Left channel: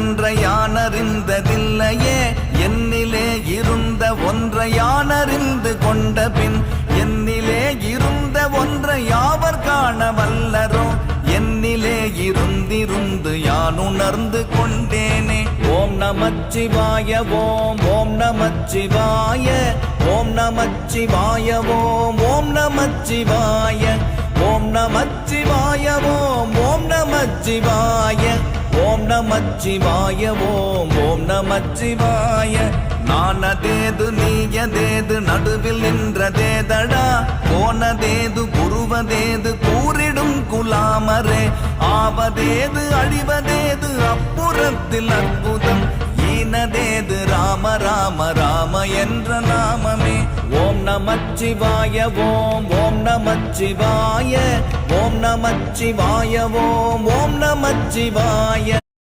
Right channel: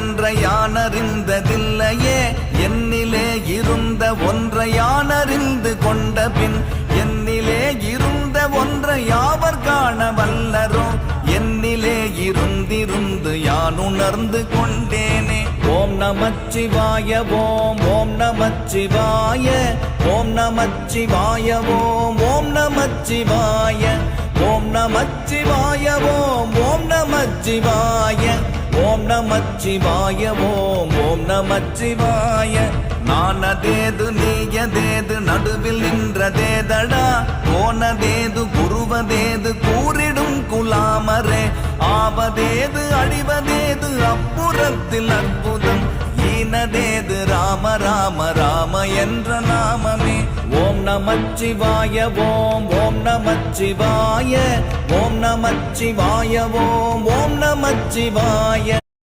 ஒன்றை யானறிந்ததில்லையே என்னிலே இருந்த ஒன்றை யானறிந்து கொண்ட பின் என்னிலே இருந்த ஒன்றை யாவர் காண வல்லரோ என்னிலே இருந்திருந்து யான் உணர்ந்து கொண்டேனே. ஓம் நமச்சிவாய ஓம் ஓம் நமச்சிவாய ஓம் நமச்சிவாய ஓம் ஓம் நமச்சிவாய ஓம் நமச்சிவாய ஓம் ஓம் நமச்சிவாய ஓம் நமச்சிவாய ஓம் ஓம் நமச்சிவாய. நானதேது நீயதேது நடுவில் நின்றதேதடா போனதேது குருவதேது கூறிடும் குலாமரே ஆவதேது அழிவதேது அப்புறத்தில் அற்புதம் ஈனதேது ராம ராம ராம என்ற நாமமே. ஓம் நமச்சிவாய ஓம் ஓம் நமச்சிவாய ஓம் நமச்சிவாய ஓம் ஓம் நமச்சிவாய